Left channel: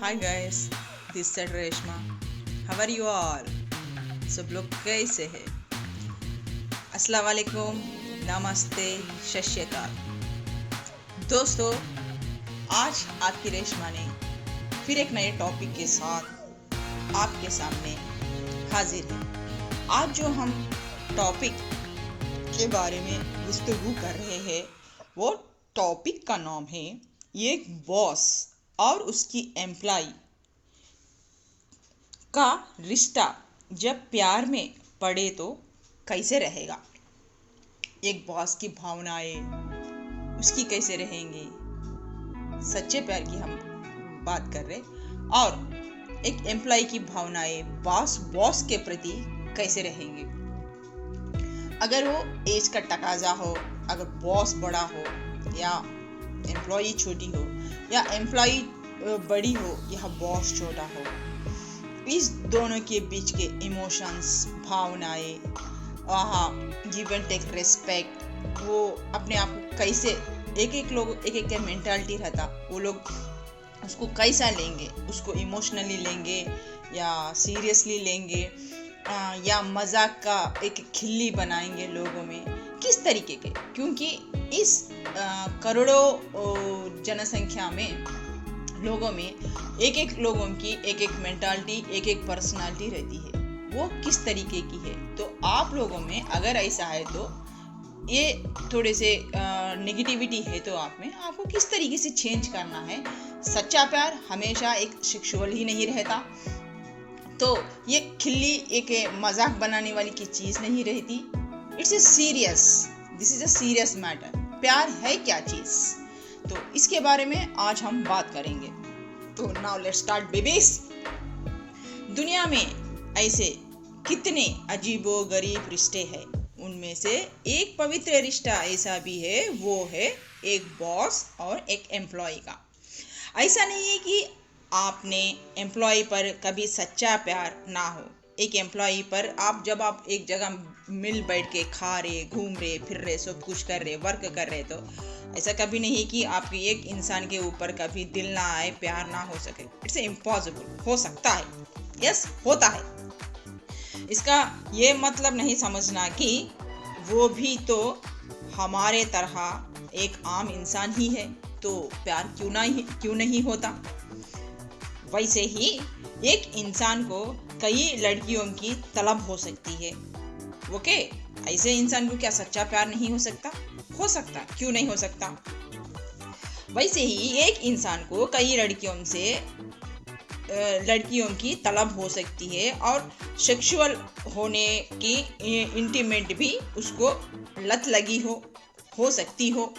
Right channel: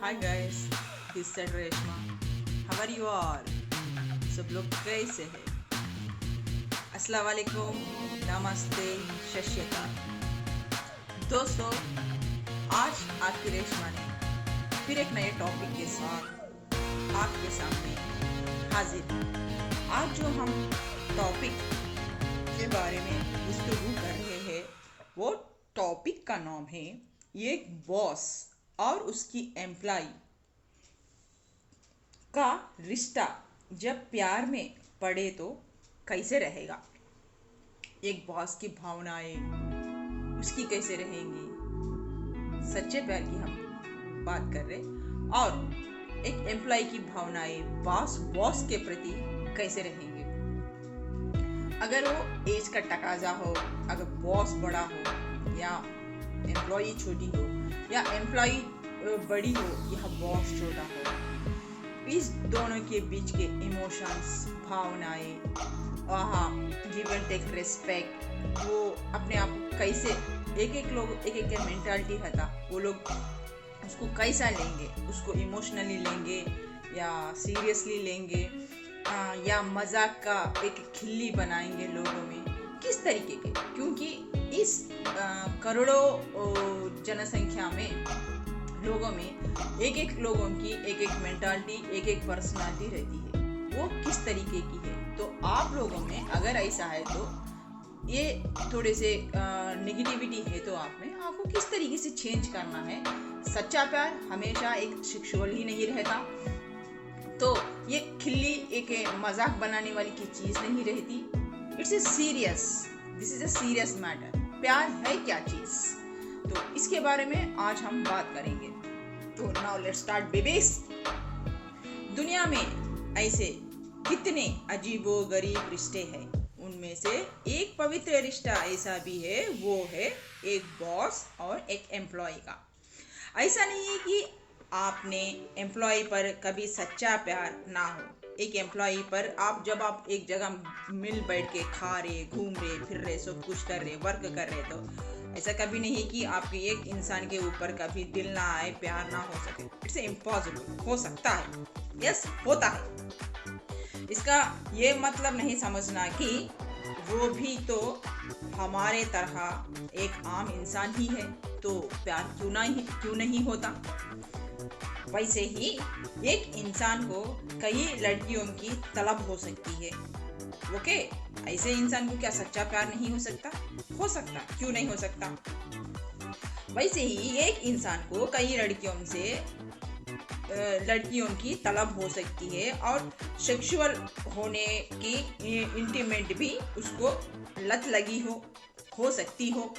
Hi guys, this side Reshma. How are you all? सब लोग कैसे हैं? अस्सलाम वालेकुम, नमस्ते, सत श्री अकाल। दोस्तों, आज आपकी रेशमा ने फिर एक नए टॉपिक के साथ आपके सामने हाजिर है। आज जो हम टॉपिक के बारे में गुफ्तगू कर रहे हैं, वो टॉपिक का नाम है एक बॉस और उसकी एम्प्लॉय का रिश्ता जब प्यार में पड़े तो कैसे रहेगा। एक बॉस की भावनाएं उसकी कैसे रहेंगी, सच्चे प्यार की हम बात कर रहे, और एक एम्प्लॉय की भावनाएं बॉस के प्रति कैसे रहेंगे। अगर वो एज का तकाजा हो, अगर बॉस बड़ा हो या एम्प्लॉई छोटी हो, या एम्प्लॉई बड़ी हो या बॉस छोटा हो, इस दोनों के बीच के इमोशंस, भावनाएं, गिव एंड टेक, रेस्पेक्ट, वो अपने आप को कैसे एक एक का मेंटालिटी रहता, वो लोग उसको कैसा लेंगे, उसको इमोशनली लेंगे या सीरियसली लेंगे, या मजाक का एक खिल्ली बनाएंगे लोगों में, किस तरीके के। क्योंकि इस करोड़ों जनसंख्या में लोगों में एक लोगों की एक मेंटालिटी, एक पर्सनालिटी रहती है, वो किस तरीके की है। तो आप लोगों में अगर ऐसा है तो ये थोड़े से नेगेटिविटी है, तो आपको किस तरीके से चेंज करना है। सच्चा प्यार हमेशा एक सेक्सुअल ही नहीं रहता, तो ये खिल्ली एक मजाक बनाने वाली की चीज़ नहीं रहती। It's a serious, this is a serious matter. प्यार है क्या चीज़, तो इसके बारे में आज हम बात करेंगे। तो नाउ लेट्स स्टार्ट बेबीज। दुनिया में ऐसे कितने अजीबो गरीब रिश्ते हैं, उनमें से एक पवित्र रिश्ता ऐसा भी है, वो है एक बॉस और एक एम्प्लॉय का। ऐसा नहीं है कि आपने एम्प्लॉय पर कभी सच्चा प्यार ना हो। एक एम्प्लॉय पर जब आप एक जगह मिल बैठ के खा रहे, घूम रहे, फिर रहे, सब कुछ कर रहे, वर्क कर रहे, तो ऐसा कभी नहीं कि आपके एक इंसान के ऊपर कभी दिल ना आए, प्यार ना हो सके। It's impossible. हो सकता है, यस होता है। इसका ये मतलब नहीं समझना कि वो भी तो हमारे तरह एक आम इंसान ही है, तो प्यार क्यों नहीं होता। वैसे ही एक इंसान को कई लड़कियों की तलब हो सकती है। ओके, ऐसे इंसान को क्या सच्चा प्यार नहीं हो सकता? हो सकता, क्यों नहीं हो सकता। वैसे ही एक इंसान को कई लड़कियों की तलब हो सकती है, और सेक्सुअल होने की इंटीमेट भी उसको लत लगी हो सकती हो,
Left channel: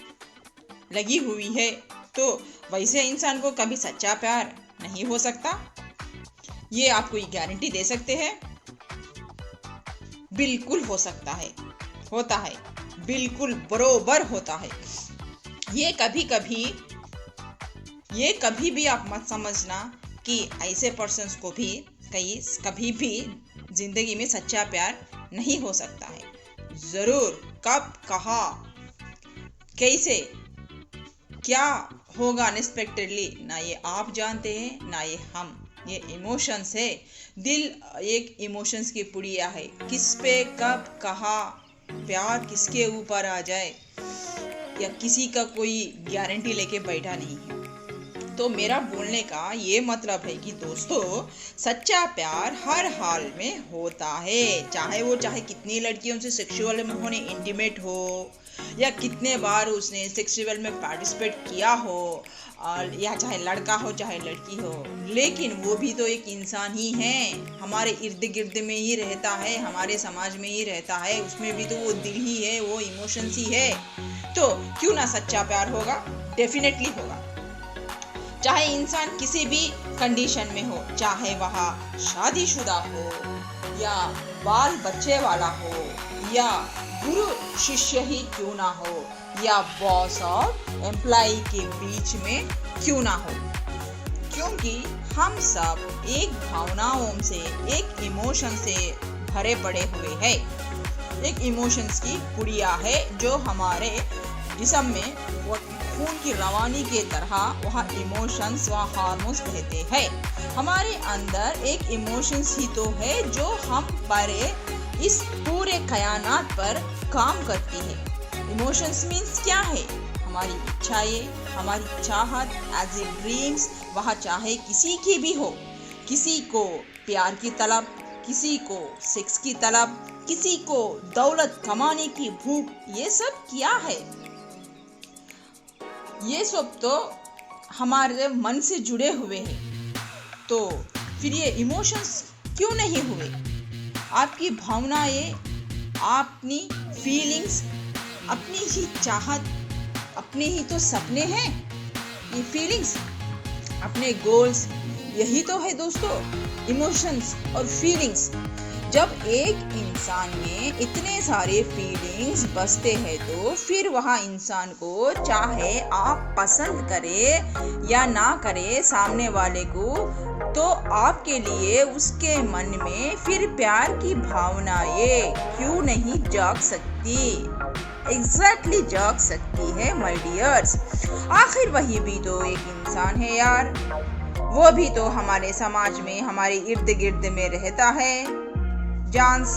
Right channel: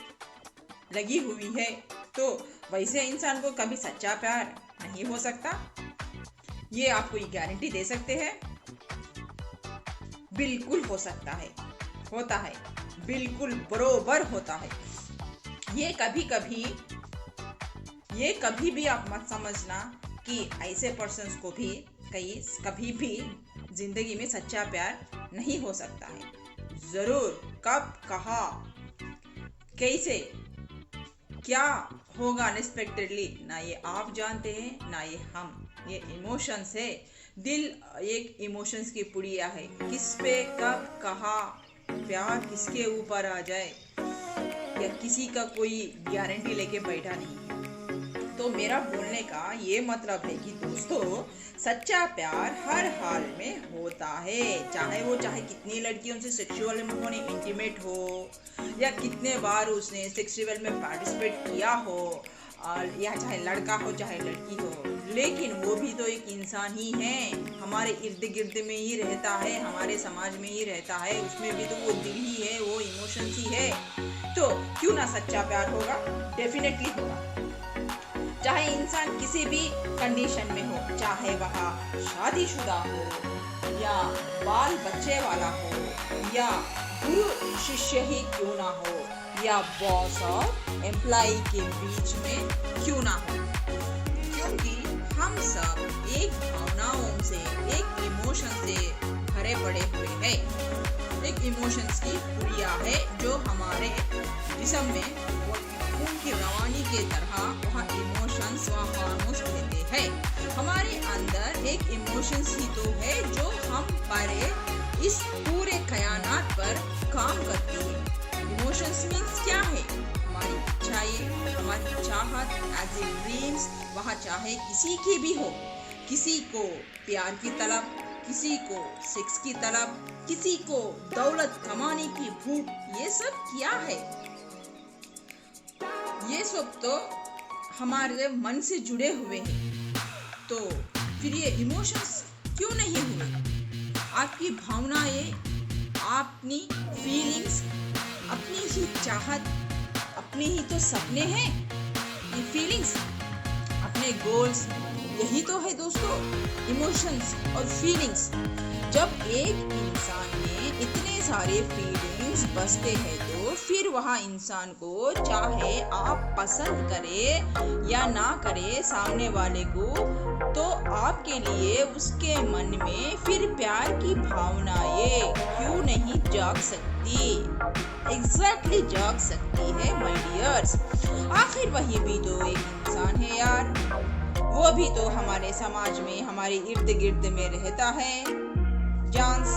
लगी हुई है। तो वैसे इंसान को कभी सच्चा प्यार नहीं हो सकता, ये आपको ये गारंटी दे सकते हैं। बिल्कुल हो सकता है, होता है, बिल्कुल बरोबर होता है। ये कभी भी आप मत समझना कि ऐसे पर्सन्स को भी कभी भी जिंदगी में सच्चा प्यार नहीं हो सकता है। जरूर, कब, कहाँ, कैसे, क्या होगा अनएक्सपेक्टेडली, ना ये आप जानते हैं ना ये हम। ये इमोशंस है, दिल एक इमोशंस की पुड़िया है। किस पे कब कहाँ प्यार किसके ऊपर आ जाए, या किसी का कोई गारंटी लेके बैठा नहीं है। तो मेरा बोलने का ये मतलब है कि दोस्तों, सच्चा प्यार हर हाल में होता है, चाहे कितनी लड़कियों से सेक्सुअल में होने इंटीमेट हो, या कितने बार उसने सेक्सुअल में पार्टिसिपेट किया हो, और या चाहे लड़का हो चाहे लड़की हो, लेकिन वो भी तो एक इंसान ही है, हमारे इर्द गिर्द में ही रहता है, हमारे समाज में ही रहता है, उसमें भी तो वो दिल ही है, वो इमोशंस ही है। तो क्यों ना सच्चा प्यार होगा, डेफिनेटली होगा। चाहे इंसान किसी भी कंडीशन में हो, चाहे वह शादीशुदा हो या बाल बच्चे वाला हो, या गुरु शिष्य ही क्यों ना हो, या बॉस और एम्प्लॉय के बीच में क्यों ना हो। क्योंकि हम सब एक भावनाओं से, एक इमोशन से भरे पड़े हुए हैं। एक इमोशंस की पुड़िया है जो हमारे जिस्म में खून की रवानी के तरह वहाँ इमोशंस व हार्मोन्स बहते हैं। हमारे अंदर एक इमोशंस ही तो है जो हम पर इस पूरे कायनात पर काम करती है। इमोशंस मीन्स क्या है? हमारी इच्छाएं, हमारी चाहत, एज ए ड्रीम्स, वह चाहे किसी की भी हो, किसी को प्यार की तलब, किसी को सेक्स की तलब, किसी को दौलत कमाने की भूख, ये सब क्या है? ये सब तो हमारे मन से जुड़े हुए हैं। तो फिर ये इमोशंस क्यों नहीं हुए? आपकी भावनाएं, अपनी फीलिंग्स, अपनी ही चाहत, अपने ही तो सपने हैं। ये फीलिंग्स, अपने गोल्स, यही तो है दोस्तों इमोशंस और फीलिंग्स। जब एक इंसान में इतने सारे फीलिंग्स बसते हैं तो फिर वह इंसान को चाहे आप पसंद करें या ना करें सामने वाले को, तो आपके लिए उसके मन में फिर प्यार की भावनाएं क्यों नहीं जाग सकती? एग्जैक्टली जाग सकती है माय डियर्स। आखिर वही भी तो एक इंसान है यार, वो भी तो हमारे समाज में, हमारे इर्द गिर्द में रहता है, जानस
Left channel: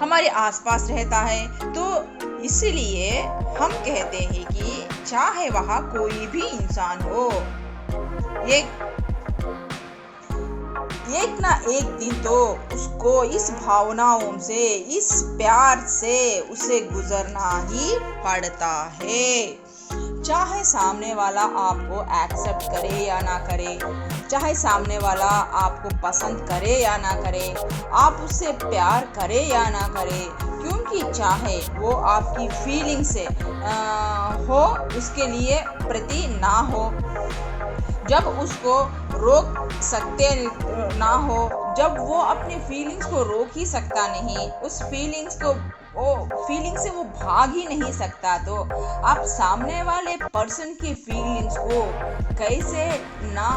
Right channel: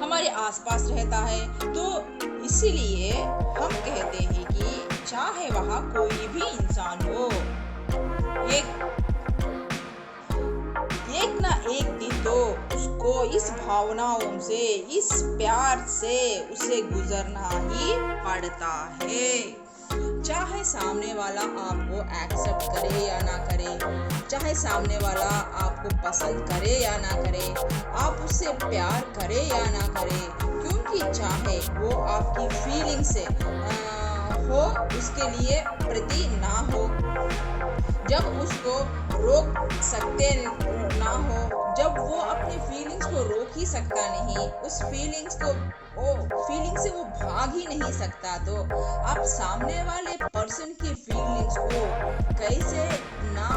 हमारे आसपास रहता है। तो इसलिए हम कहते हैं कि चाहे वह कोई भी इंसान हो, एक ना एक दिन तो उसको इस भावनाओं से, इस प्यार से उसे गुजरना ही पड़ता है। चाहे सामने वाला आपको एक्सेप्ट करे या ना करे, चाहे सामने वाला आपको पसंद करे या ना करे, आप उससे प्यार करे या ना करे, क्योंकि चाहे वो आपकी फीलिंग से हो, उसके लिए प्रति ना हो, जब उसको रोक सकते ना हो, जब वो अपने फीलिंग्स को रोक ही सकता नहीं, उस फीलिंग से वो भाग ही नहीं सकता, तो आप सामने वाले पर्सन की फीलिंग्स को कैसे ना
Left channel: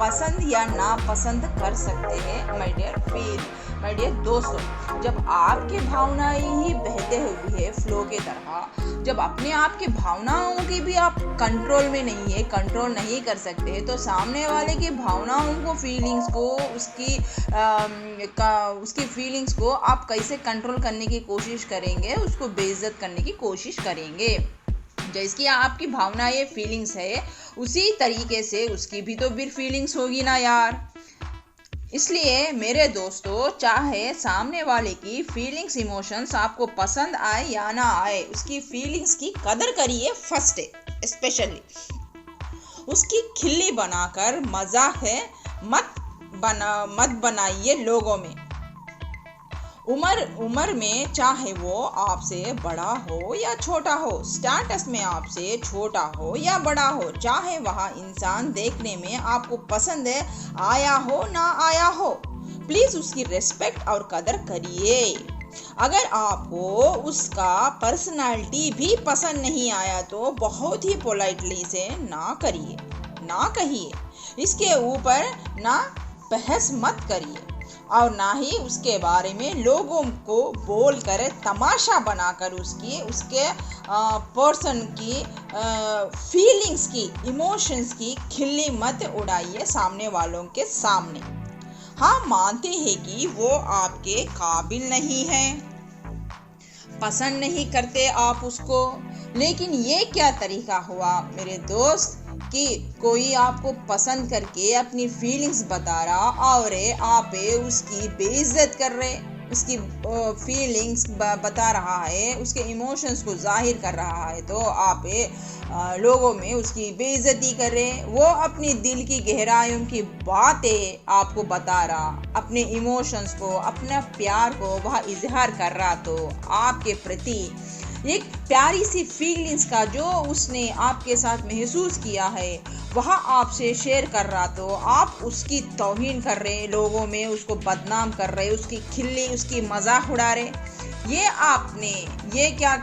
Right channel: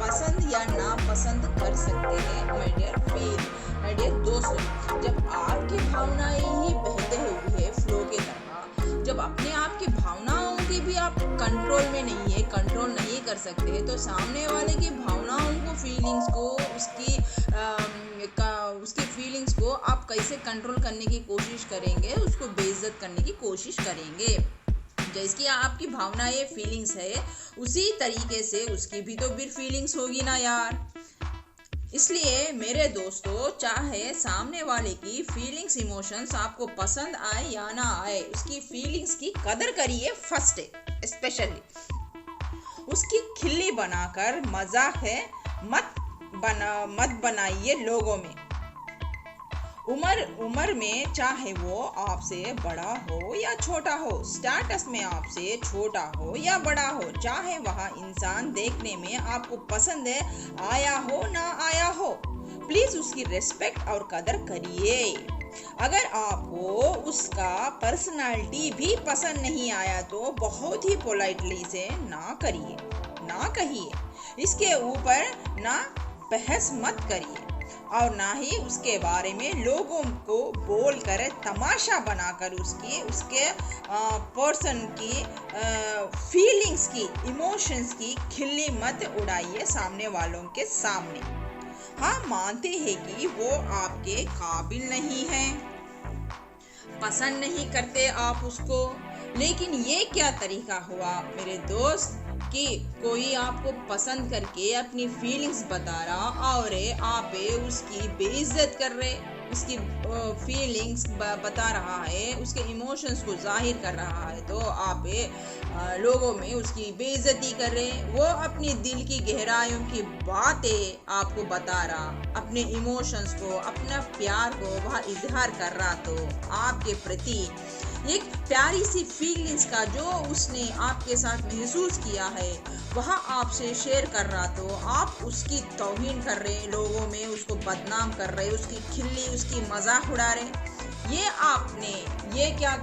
पसंद या ना पसंद कर सकते हैं माय डियर दोस्तों। जब आपकी भावनाएं ही बहते हुए फ्लो के तरह, जब अपने आप की भावनाओं की भी आप कंट्रोल में नहीं है, कंट्रोल नहीं कर सकते, तो सामने वाले की भावनाओं को, फीलिंग्स को, उसकी फीलिंग्स को आप कैसे कंट्रोल करने की कोशिश करेंगे, उसको बेइज्जत करने की कोशिश करेंगे। जैसी आपकी भावनाएं फीलिंग्स है, उसी तरीके से उसकी भी तो फिर फीलिंग्स होगी ना यार। इसलिए मेरे दोस्तों, चाहे सामने वाले की फीलिंग्स, इमोशंस आपको पसंद आए या ना आए, उसकी फीलिंग्स की कदर करिए फर्स्ट है। स्पेशली उसकी खिल्ली बनाकर मजाक है मत बनाइए लोगों में। उम्र में चाहे वो आपसे बड़ा हो या छोटा हो, स्टेटस में आपसे छोटा हो या बड़ा हो, चाहे वह इंसान देखने में आपको पसंद आया हो ना आया हो, प्लीज उसकी रिस्पेक्ट और कदर करिए। अगर आपको उसका पर्सनालिटी भी पसंद नहीं आया तो बहुत ही पोलाइटली से ना करिए, ना कहिए, इसके ऊपर ना बहस मत करिए, और ना ही उसके बारे में लोगों को बोलकर, तमाशा बनाकर उसके पर्सन की फीलिंग्स की, इमोशंस की खिल्ली मत उड़ाइए सामने वालों के सामने। हाँ, मानते हैं कि वो आपके काबिल नहीं है, पसंद नहीं करते आप उसको, लेकिन ये क्या तरीका हुआ मेरे दोस्त कि कोई आपको पसंद करके अपनी फीलिंग्स बता रहा और आप उसकी बेइज्जत कर रहे, उसकी फीलिंग्स बता रहा है, उसके इमोशंस को जाहिर कर रहा है, तो आप लोगों में उसकी बेइज्जती कर रहे। वो अपनी दिल की गहराइयों की बातें आपको बता रहा, अपने इमोशंस को, अपना प्यार को वह इजहार कर रहा, तो आपके प्रति एक प्यारी सी फीलिंग्स का जो उसने आपके साथ महसूस किया है वह आपसे शेयर कर रहा, तो आप उसकी तौहीन कर रहे, लोगों में उसको बदनाम कर रहे, उसकी खिल्ली, उसकी मजाक उड़ा रहे। ये आपने ये क्या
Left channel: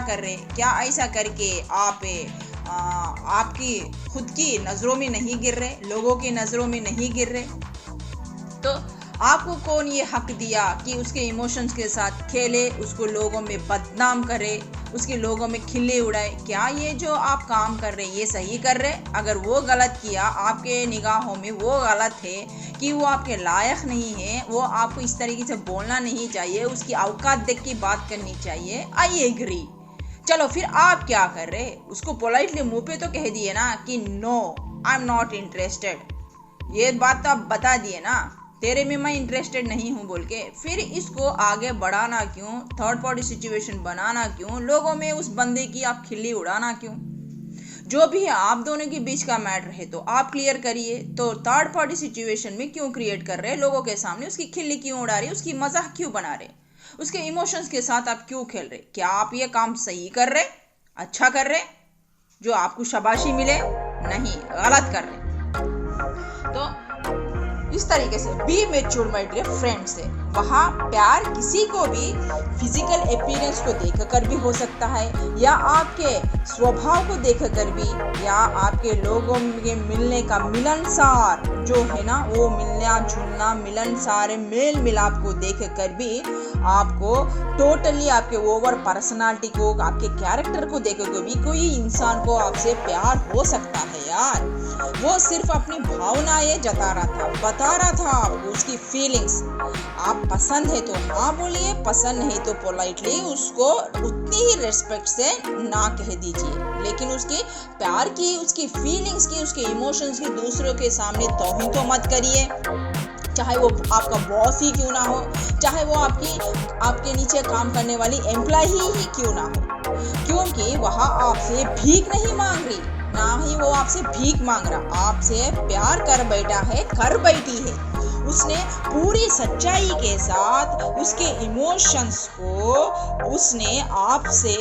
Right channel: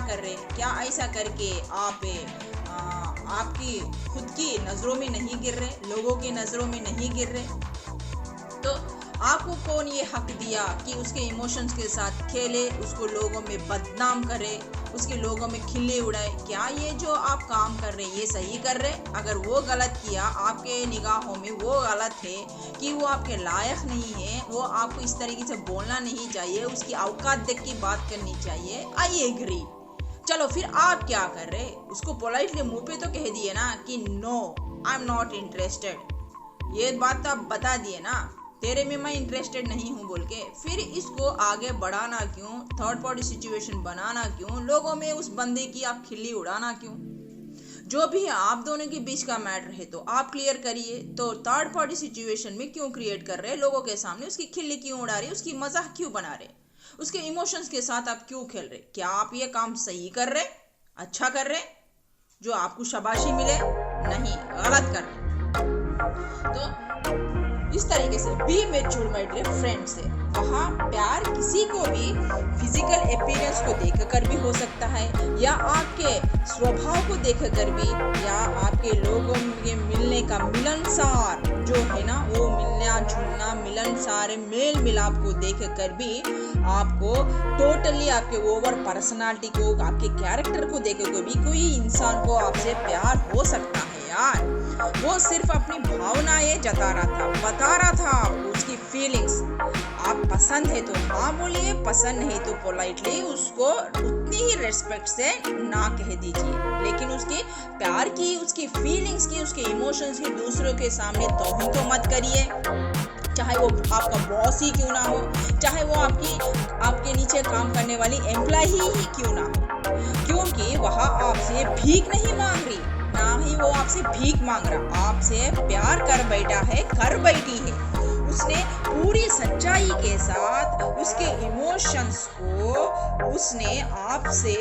कर रहे? क्या ऐसा करके आप आपकी खुद की नज़रों में नहीं गिर रहे, लोगों की नज़रों में नहीं गिर रहे? तो आपको कौन ये हक दिया कि उसके इमोशंस के साथ खेले, उसको लोगों में बदनाम करे, उसके लोगों में खिल्ली उड़ाए? क्या ये जो आप काम कर रहे ये सही कर रहे? अगर वो गलत किया, आपके निगाहों में वो गलत है कि वो आपके लायक नहीं है, वो आपको इस तरीके से बोलना नहीं चाहिए, उसकी औकात देख के बात करनी चाहिए, आई एग्री। चलो फिर आप क्या कर रहे? उसको पोलाइटली मुंह पे तो कह दिए ना कि no, I am not interested. ये बात तो आप बता दिए ना, तेरे में मैं इंटरेस्टेड नहीं हूँ बोल के। फिर इसको आगे बढ़ाना क्यों? थर्ड पार्टी सिचुएशन बनाना क्यों? लोगों में उस बंदे की आप खिल्ली उड़ाना क्यों? जो भी है आप दोनों के बीच का मैटर है तो आप क्लियर करिए। तो थर्ड पार्टी सिचुएशन में क्यों क्रिएट कर रहे हैं? लोगों के सामने उसकी खिल्ली क्यों उड़ा रहे? उसकी मजाक क्यों बना रहे? उसके इमोशंस के साथ आप क्यों खेल रहे? क्या आप ये काम सही कर रहे, अच्छा कर रहे, जो आपको शाबाशी मिले? नहीं, गलत कर रहे। तो इस तरीके से be mature my dear friend से। वहाँ प्यार किसी को भी फिजिकल अपीयरेंस को देखकर भी हो सकता है, या आपके स्वभाव को देखकर भी, या आपके लोगों के मिलने का मिलनसार जो है ना, वो मिलना जुलना मिलनसार मेल मिलाप को देखकर भी आपको टोटली आपके ओवर पर्सनालिटी को, आपके कैरेक्टर को देखकर भी कोई इंसान को आपसे प्यार हो सकता है यार। वो सिर्फ अपनी भावनाएं जता रहा था, बता रहा था आपको उसकी फीलिंग्स। आप पसंद है तो हाँ बोलिए, पसंद नहीं तो पोलाइटली उसको उतनी ही रेस्पेक्ट से ना कह दीजिए, लेकिन उसके प्यार की, उसकी फीलिंग्स की, उसके इमोशंस की दूसरों के सामने तौहीन तो मत करिए। चाहे वो आपका बॉस ही क्यों ना हो, चाहे वो आपके नीचे काम करने वाली एम्प्लॉय ही क्यों ना हो, क्योंकि वह आपसे भीख नहीं मांग रही, ना ही वो आपसे भीख मांग रहा, आपसे प्यार कर बैठा है, कर बैठी है। उसने पूरी सच्चाई के साथ उसके इमोशंस को उसने आपसे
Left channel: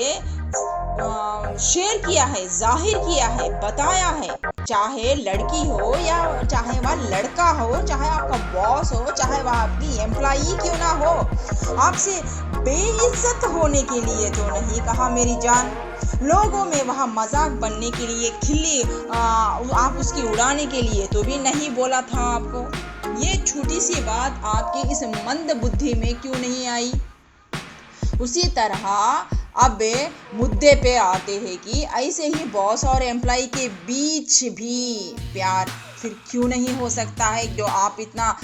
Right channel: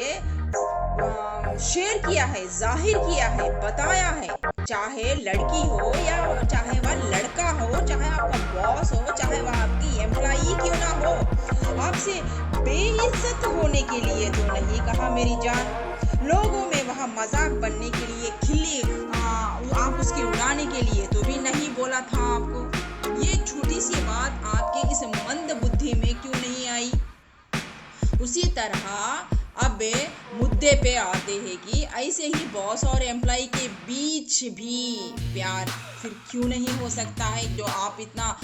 शेयर किया है, जाहिर किया है, बताया है। चाहे लड़की हो या चाहे वह लड़का हो, चाहे आपका बॉस हो, चाहे वह आपकी एम्प्लॉई क्यों ना हो, आपसे बेइज्जत होने के लिए तो नहीं कहा मेरी जान। लोगों में वहाँ मजाक बनने के लिए, खिल्ली आप उसकी उड़ाने के लिए तो भी नहीं बोला था आपको। ये छोटी सी बात आपके इस मंद बुद्धि में क्यों नहीं आई? उसी तरह अब मुद्दे पे आते हैं कि ऐसे ही बॉस और एम्प्लॉय के बीच भी प्यार फिर क्यों नहीं हो सकता है, जो आप इतना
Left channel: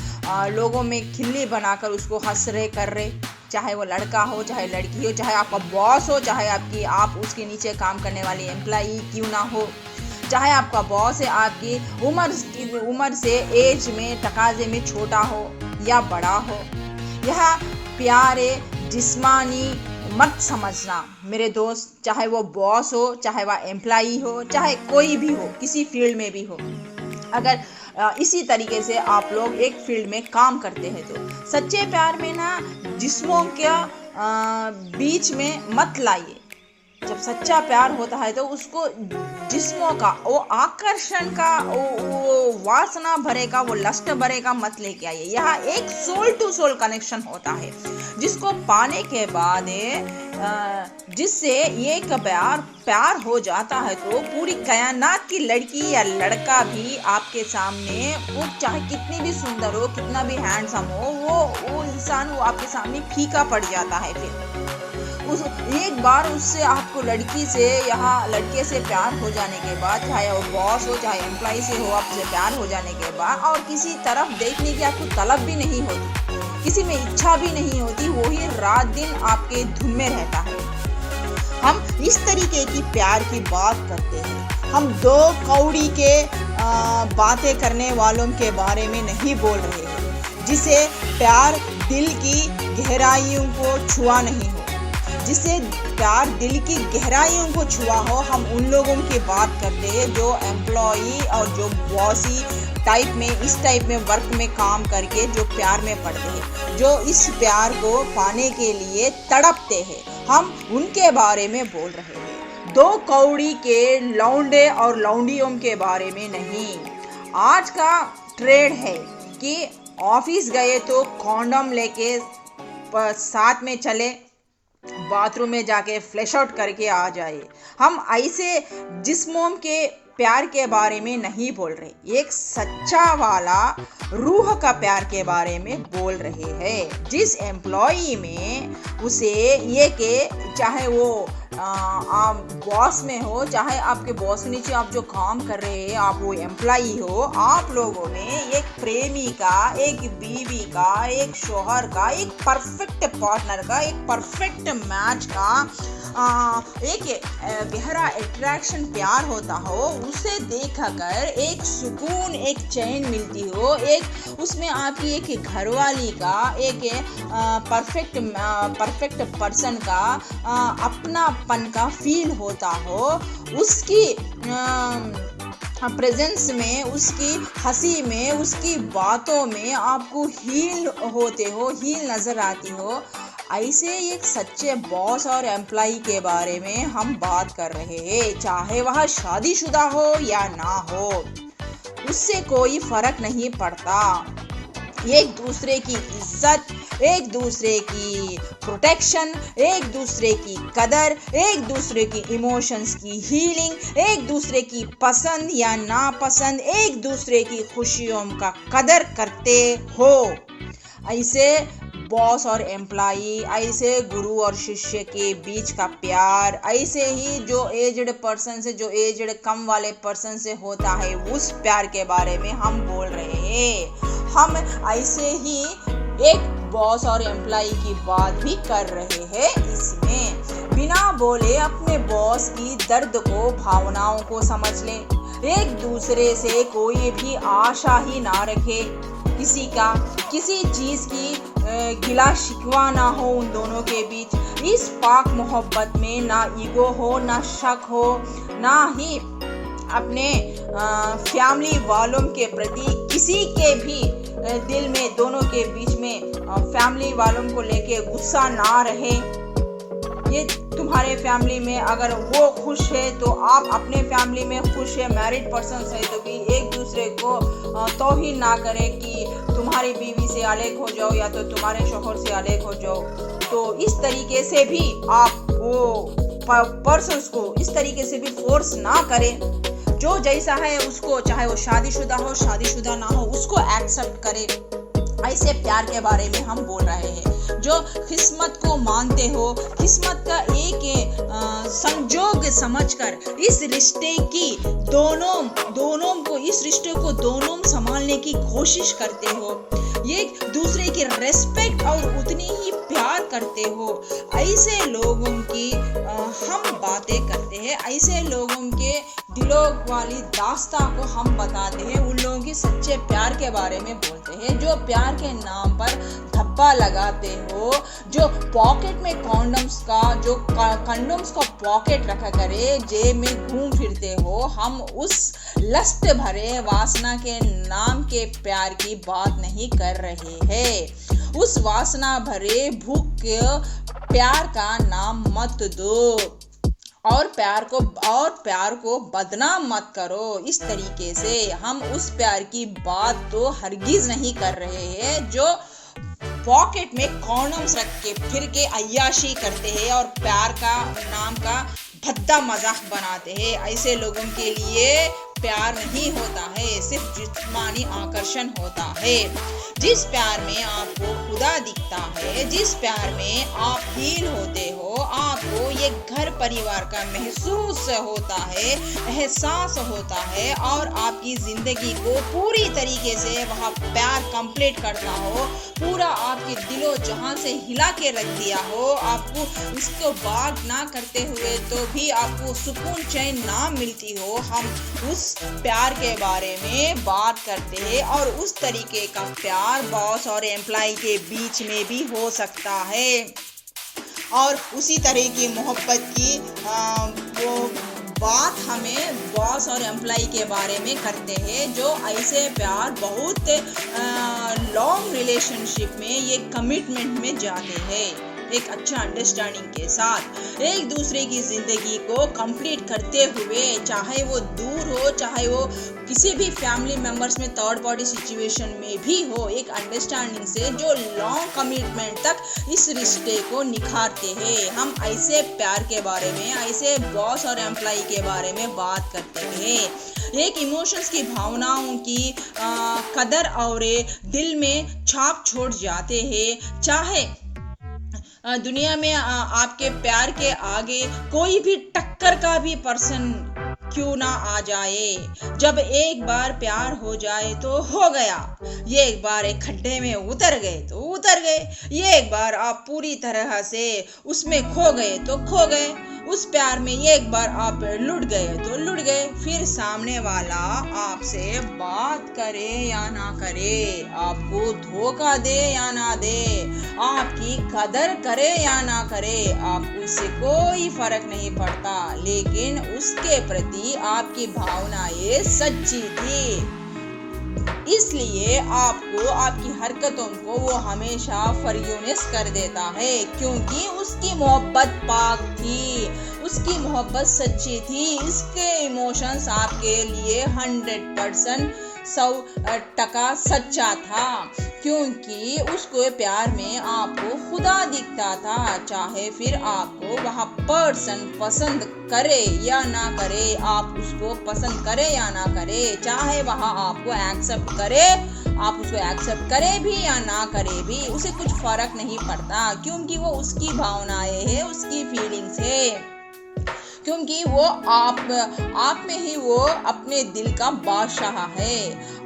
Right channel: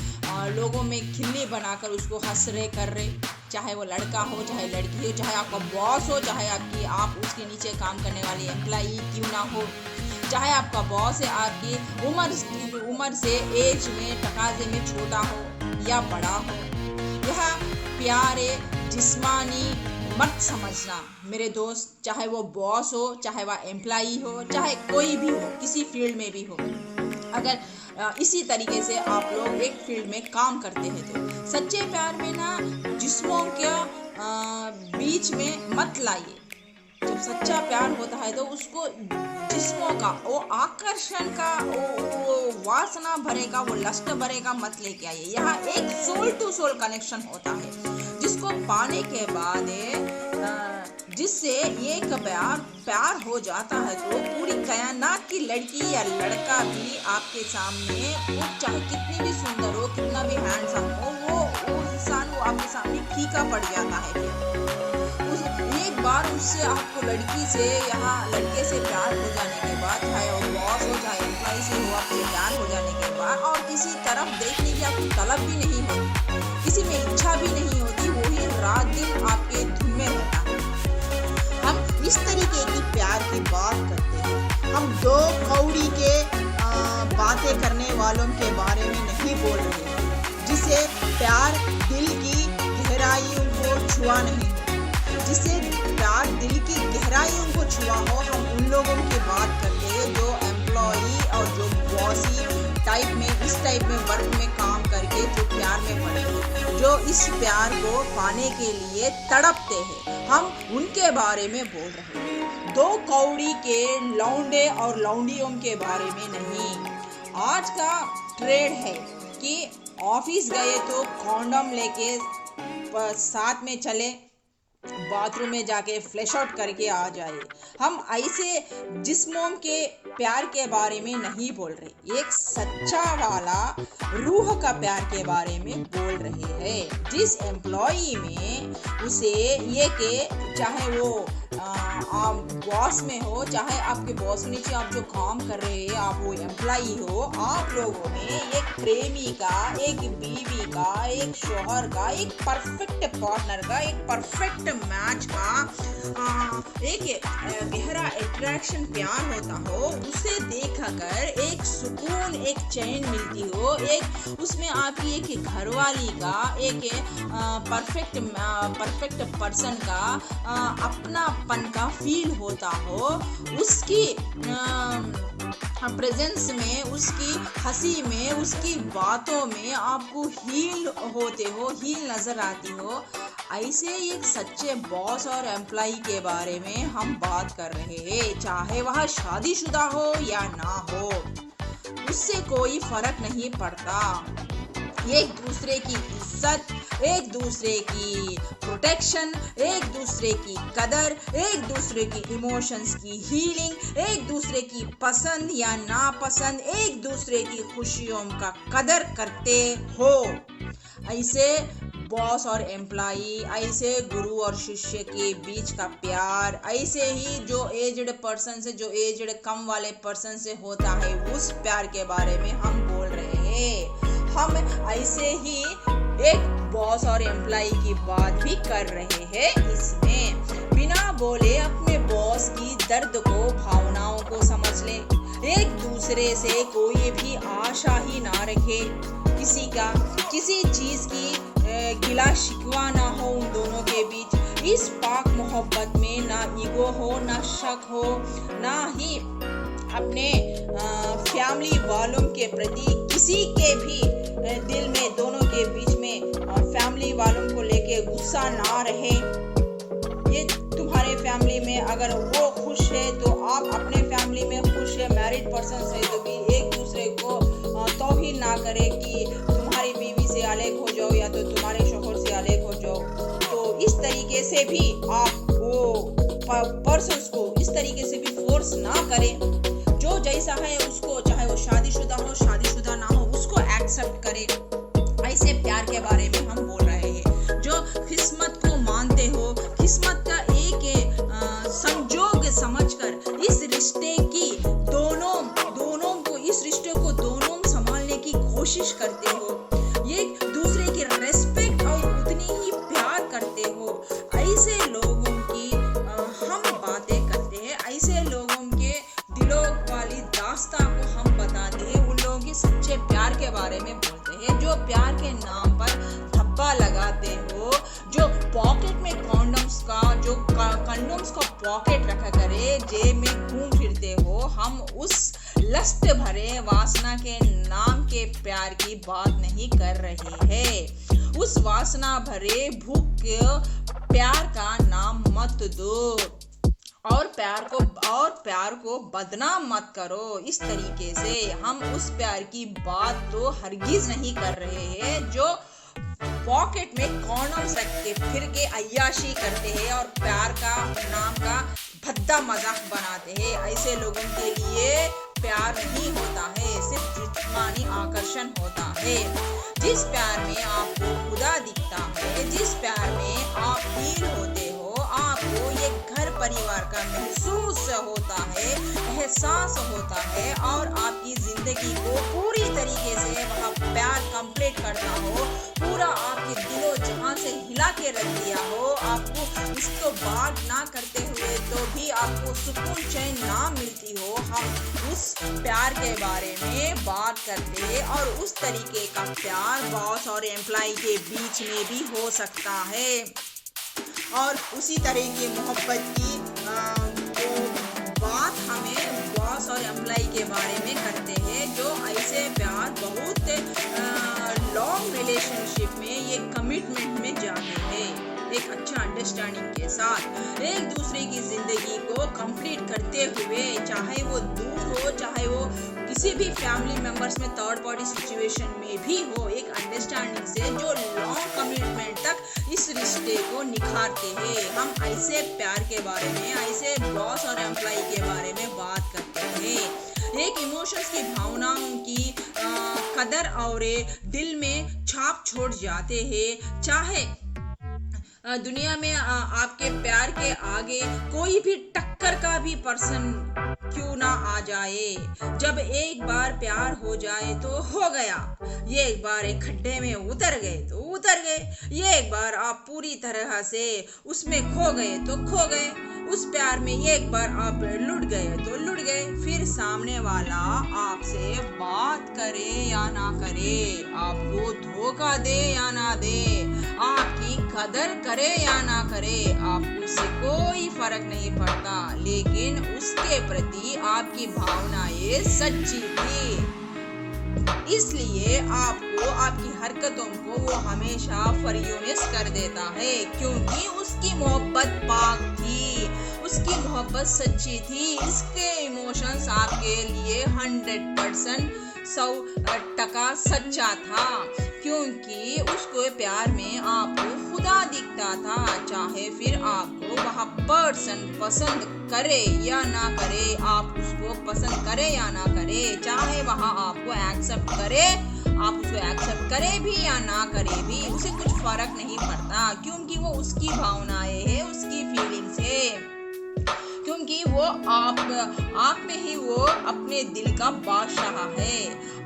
लोगों में खिल्ली बनाकर उसको हंस रहे, कर रहे। चाहे वो लड़का हो, चाहे लड़की हो, चाहे आपका बॉस हो, चाहे आप उसके नीचे काम करने वाली एम्प्लॉई क्यों ना हो, चाहे आपका बॉस है आपकी उम्र से, एज में, तकाजे में छोटा हो या बड़ा हो। यह प्यारे जिस्मानी मत समझना मेरे दोस्त, चाहे वो बॉस हो, चाहे वह एम्प्लॉई हो, चाहे कोई भी हो, किसी फील्ड में भी हो। अगर इसी तरीके से आप लोग एक फील्ड में काम करते हैं तो सच्चे प्यार में ना जिस्मों के बीच में मत लाइए। जब सच्चा प्यार होता है तो उसको जिस्मों का, वो आकर्षण का, वो वासना भरे का, वो लस्ट भरे का मत लेके आइए। यहाँ एक सोल टू सोल कनेक्शन होता है, जिसको पाने के बाद जिससे एक प्यार हो जाता है तो पूरी कायनात की लड़की या लड़का भी आपके सामने, वो चाहे कितनी भी सुंदर हो, कितना भी हैंडसम हो, वो इंसान वो आपके सामने फीका पड़ जाता है। फिर एक बार उससे आपको लड़की से, यहाँ लड़के से प्यार हो जाने के बाद, चाहे वो बॉस हो, चाहे एम्प्लॉय से हो, आपसे प्यार हो जाने के बाद और किसी तरफ देखने की आपको तलब भी नहीं होती, किसी में इच्छा भी नहीं होती, वही रात दिन आपके धुन में रहता है। हम इस तरीके की प्यार की बात करते हैं। हम दो कौड़ी के बातें करने वालों के बारे में नहीं बोल रहे हैं, जिसे प्यार दिल की गहराइयों को छुआ नहीं हो, जिसे प्यार दिल की गहराइयों को छुआ हो। हम उन लोगों की बात करते हैं जो एम्प्लॉई और जो बॉसी टाइप में, इस टाइप में वर्क में काम करके जो प्यार में पड़ते हैं, जो इस प्यार को पाने के लिए तड़पते हैं, हम उनके बारे में बोल रहे हैं। दो कौड़ी के लौंडे और लौंडियों के बारे में नहीं। आज का ट्रेड है कि ऑफिस गए तो कॉन्डम लेके साथ में चले, बाथरूम में जाके फ्लैश आउट करके आ जाए। हम ऐसे जिस्मों के प्यार के बारे में नहीं बोल रहे, एक सच्चा वाला रूह का प्यार के बारे में बोल रहे हैं। जिस एम्प्लॉई में उसे ये कि चाहे वो आप बॉस में हो, चाहे आपके बॉस के नीचे आप जो काम कर रहे हैं, आप वो एम्प्लॉई हो, आप लोगों में एक प्रेमी का, एक बीवी का, एक शौहर का, एक परफेक्ट पार्टनर का, एक परफेक्ट मैच का एक गहरा अट्रैक्शन प्यार होता हो, उसे देखकर एक सुकून, एक चैन मिलती हो, एक उसमें आपकी एक घरवाली का, एक परफेक्ट पर्सन का अपनापन का फील होता हो, उसकी प्रेजेंस में, उसकी हंसी में, उसकी बातों में आपको हील होते हो, हील नज़र आती हो। ऐसे एक सच्चे बॉस और एम्प्लॉई के बारे में हम बात कर रहे हैं। चाहे वह शादीशुदा हो या ना हो, उससे कोई फर्क नहीं पड़ता। एक दूसरे की इज्जत, एक दूसरे की प्रोटेक्शन, एक दूसरे की कदर, एक दूसरे की इमोशंस की हीलिंग, एक दूसरे की पसंद या नापसंद, एक दूसरे की खुशियों का कदर करते हो। ऐसे बॉस और एम्प्लॉई, ऐसे गुरु और शिष्य के बीच का प्यार, ऐसे ही जो एजड पर्सन से, जो एजड कम वाले पर्सन से होता है, उस प्यार के बारे में हम बोल रहे हैं। हम ऐसे ही एक बॉस और एम्प्लॉई की बात भी कर रहे हैं। इसमें बिना बोले अपने बॉस की दर्द को, भावनाओं को समझ लें। एक दूसरे से कोई भी आशा ही ना रखे, किसी चीज की गिला शिकवा ना हो उन दोनों के बीच। इस पाक मोहब्बत में ना ईगो हो, ना शक हो, ना ही अपने फैमिली वालों के प्रति किसी के भी दिल में, दोनों के बीच में फैमिली वालों को लेके गुस्सा ना रहे। ये तुम्हारे फैमिली में अगर वो खुश है तो आप अपने फैमिली में खुश है। मैरिड पर्सन है तो भी एक दूसरे को तौहीन ना करें कि तुम्हारी बीवी से अलग हो जाओ या तो तुम्हारे शौहर से अलग हो जाओ। तो इस तरीके से भी आप वो पर्सन्स को इस तरीके से भी फोर्स ना करें। जो जैसा है उसको, चाहे वो शादीशुदा हो, शादीशुदा ना हो, उसको एक्सेप्ट करें। ऐसे प्यार के बारे में हम बोल रहे हैं। जो किस्मत को मानते हो, किस्मत का एक संजोग समझकर इस रिश्ते की इस रिश्ते को दोनों संभालने की कोशिश करते हो, एक दूसरे की रेस्पेक्ट और उतनी ही प्यार करते हो। ऐसे लोगों की हम बातें करते हैं, ऐसे लोगों के दिलों वाली दास्तां को हम बताते हैं, उन लोगों की सच्चे प्यार के बारे में बोलते हैं। जो प्यार के नाम पर धब्बा लगाते हो, जो पॉकेट में कंडोम्स को पॉकेट रखा करे, जेब में घूम फिरते हो, हम उस लस्ट भरे वासना के नाम के प्यार की बात नहीं कर रहे हैं। उस वासना भरे भूख के प्यार का नाम मत दो और प्यार को बदनाम मत करो। इस तरीके से हम उस प्यार की बात तो हरगिज नहीं कर रहे हैं जो पॉकेट में कॉन्डोम्स रख के फिर के अय्याशी करते हैं और प्यार का नाम का भद्दा मजाक बनाते हैं। ऐसे लोगों के लिए प्यार नहीं होता है, सिर्फ जिस्मानी आकर्षण होता है। जिस प्यार में आपको खुदा दिखता है, जिस प्यार में आप फील होते हो, आपको ये घर परिवार का महसूस होता है, एहसास होता है और आपकी जिंदगी को पूरी तरीके से वह प्यार कंप्लीट करता हो, पूरा आपके दिलो जहां से हिला के रख दिया हो, आपको इसको बात ना करते हुए तो भी आपको सुकून चैन ना मिलती हो, हम उस प्यार के बारे में बात करते हैं। और उस तरीके का प्यार बॉस और एम्प्लॉय के बीच में भी हो सकता है और उसी तरह की मोहब्बत की वो बात हमें बॉस और एम्प्लॉय के बारे में करते हैं। जो ऐसे प्यार बहुत लॉन्ग रिलेशनशिप में, ये कमिटमेंट में जाते हैं। एक अच्छा अंडरस्टैंडिंग के साथ एक दूसरे की जिंदगी को कंप्लीट करते हुए, चाहे वो दूर हो, चाहे वो किसी भी फैमिली मेंबर्स में थर्ड पार्टी सिचुएशन में भी हो, एक अंडरस्टैंडिंग से जो लॉन्ग कमिटमेंट तक इस रिश्ते को निखारते हैं। हम ऐसे प्यार के बारे में, ऐसे बॉस और एम्प्लॉय के बारे में बात करते हैं। एक इमोशंस की भावनाओं की कदर और दिल में छाप छोड़ जाते हैं। चाहे दुनिया में आपके प्यार के आगे कोई भी टक्कर का भी पर्सन क्यों ना आ जाए, जब एक बार प्यार हो जाए तो हो गया। ये एक बार एक खड्डे में उतर गए तो उतर गए, ये एक बार आप पूरी तरह से उसमें खो गए तो खो गए। उस प्यार में एक बार आप लुट गए तो लुट गए। फिर सामने वाला आपसे बात करे या ना करे, आपको धोखा दे या ना दे, आपकी कदर करे या ना करे, आपको उससे कोई फर्क नहीं पड़ता, लेकिन उसके प्रति आपकी भावनाएं सच्ची थी। इसलिए आपको, आपकी हरकतों को वो हमेशा फरियोनिस कर देता है, क्योंकि उसकी मोहब्बत पाक थी, उसकी मोहब्बत सच्ची थी। इसके इमोशंस आपके लिए 100% 100% सच्चा था, क्योंकि उसको प्यार में आपको खुदा दिखता था। चाहे फिर आपको वह पर्सन पसंद करे या ना करे, आप उसको पसंद करे या ना करे, चाहे वह आपको एक्सेप्ट करे, आप उसको एक्सेप्ट करे भी या ना करे भी, उसे कुछ फर्क नहीं पड़ता, क्योंकि वो उसकी भावनाएं है, उसकी फीलिंग्स है, क्योंकि वो आप में ही वो अपने दिल का बादशाह है।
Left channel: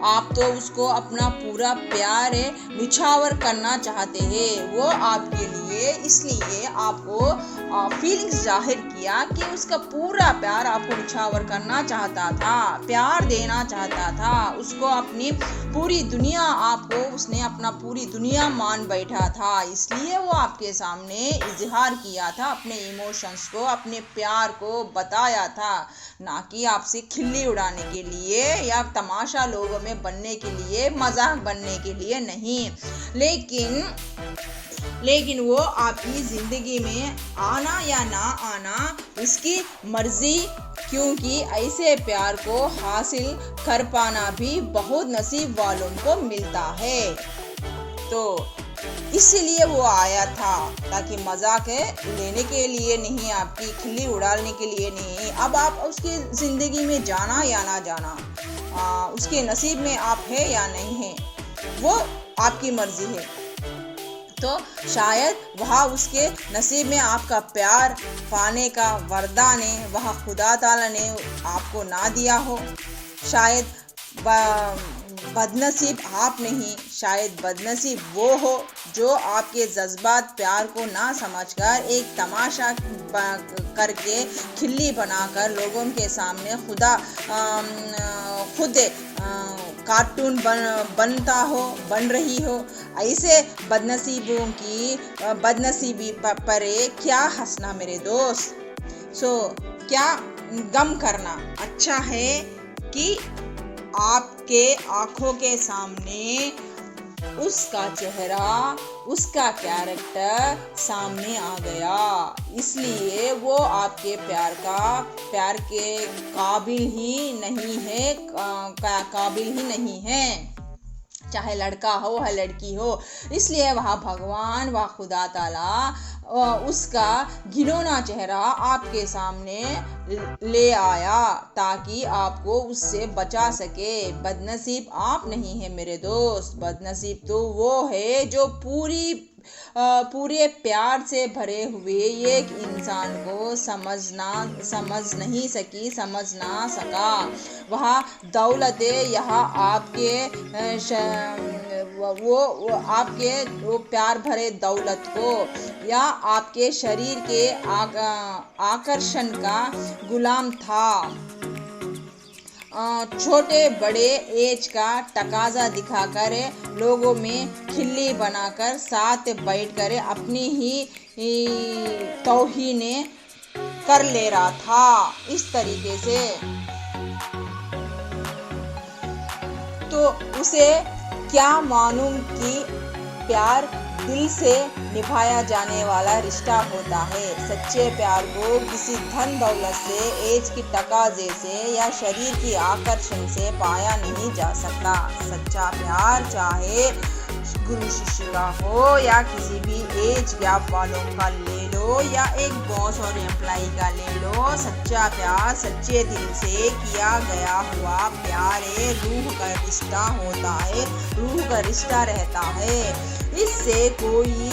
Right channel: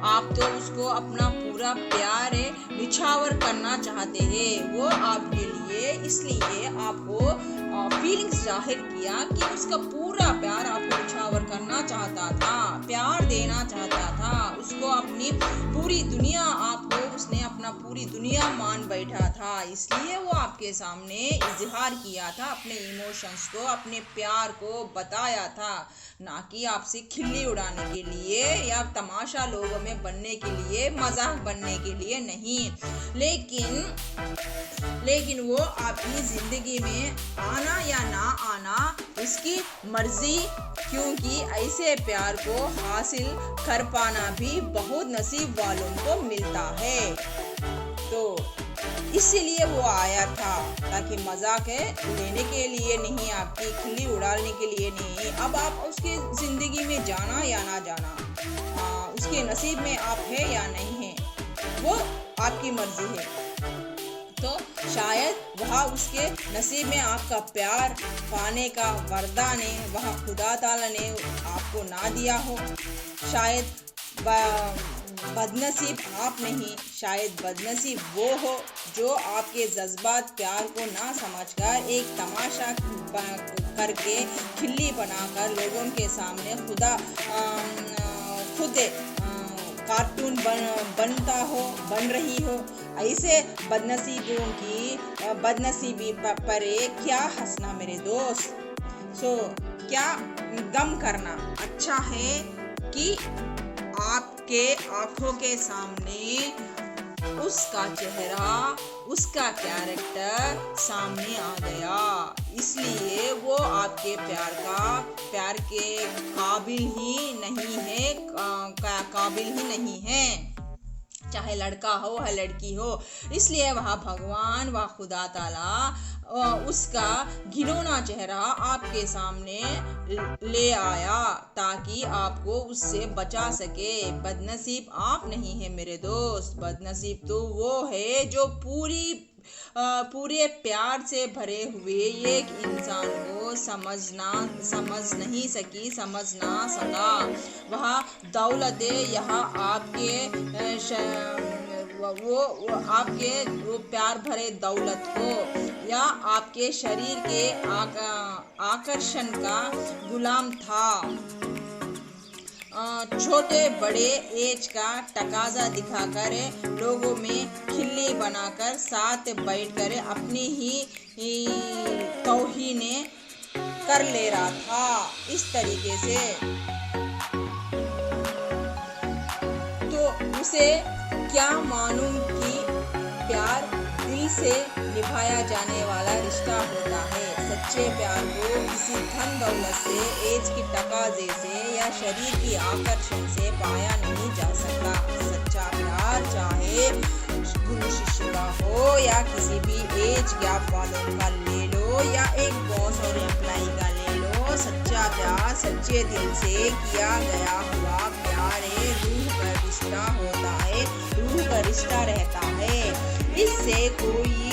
आप तो उसको अपना पूरा प्यार निछावर करना चाहते हैं, वो आपके लिए, इसलिए आपको फीलिंग्स जाहिर किया कि उसका पूरा प्यार आपको निछावर करना चाहता था, प्यार देना चाहता था, उसको अपनी पूरी दुनिया, आपको उसने अपना पूरी दुनिया मान बैठा था। इसलिए वो आपके सामने इजहार किया था, अपने इमोशंस को, अपने प्यार को बताया था, ना कि आपसे खिल्ली उड़ाने के लिए या तमाशा लोगों में बनने के लिए, मजाक बनने के लिए नहीं। लेकिन वो आपकी जिंदगी में आना या ना आना उसकी मर्जी, क्योंकि ऐसे प्यार को हासिल कर पाना भी बहुत नसीब वालों को मिलता है। तो इसीलिए वो आया था, ताकि मजाक लेने के लिए नहीं, आपकी खिल्ली उड़ाने के लिए नहीं। अब आप उसकी जिंदगी में जाना या ना जाना, उसके नसीब में आप है या नहीं है, वो आपकी मर्जी है। तो शायद वह उसके नसीब में आपका प्यार पाने का वरदान है, वह खुदा ताला ने आपको ना दिया हो। शायद बदनसीब आप नहीं, शायद बदनसीब वो हो जो आपके जज्बात प्यार को ना समझकर एक तमाशा करके, खिल्ली बनाकर लोगों के सामने खुद कार्टून बन रही हो। ऐसे बदनसीबों की बदनसीबी पर क्या हंसना मेरे दोस्त। क्या गम करना, अच्छा है कि आपके आंखों के सामने उसका चेहरा, उसका कैरेक्टर सामने आ गया, इसलिए वो आपके प्यार के काबिल ही नहीं है, चाहे लड़का हो या लड़की हो। इसलिए वह भगवान, वह खुदा ताला उसका घिनौना चेहरा आपके सामने ले आया, ताकि आपको उससे बचा सके। बदनसीब आप नहीं है मेरे दोस्त, बदनसीब तो वो है जो पूरे प्यार से भरे हुए एक इंसान को समझ ना सका। वह दौलत यहाँ वो प्यार भरे दौलत को या आपके शरीर के आकर्षण का गुलाम था। छोटे बड़े एज का तकाजा दिखाकर, लोगों में खिल्ली बनाकर, साथ बैठकर अपनी ही तौहीने कर ले रहा था इस तरीके से। तो उसे क्या मालूम कि प्यार दिल से निभाया जाने वाला रिश्ता होता है। सच्चे प्यार को किसी धन दौलत से, एज की तकाजे से या शरीर की आकर्षण से पाया नहीं जा सकता। सच्चा प्यार चाहे गुरु शिष्य का हो या किसी भी एज गैप वालों का ले लो या एक बॉस और एम्प्लॉय का ले लो, सच्चा प्यार सच्चे दिल से किया गया हुआ प्यार है। रूह का रिश्ता होता है, रूह का रिश्ता रहता है। इससे कोई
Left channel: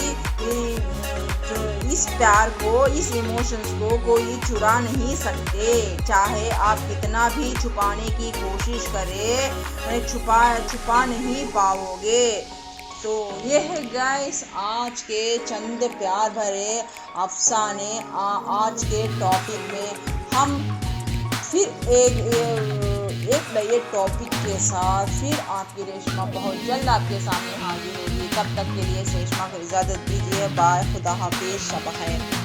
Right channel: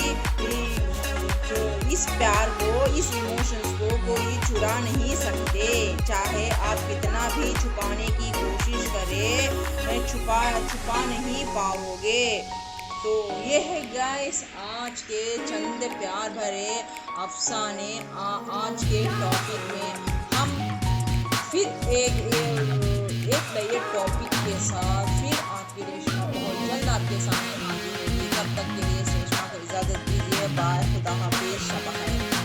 इस प्यार को, इस इमोशंस को कोई चुरा नहीं सकते। चाहे आप कितना भी छुपाने की कोशिश करें, छुपा नहीं पाओगे। तो ये है गाइस आज के चंद प्यार भरे अफसाने। आज के टॉपिक में हम फिर एक नए टॉपिक के साथ फिर आपकी रेशमा बहुत जल्द आपके सामने हाजिर होगी। तब तक के लिए रेशमा को इजाज़त दीजिए। बाय, खुदा हाफिज़, शब खैर।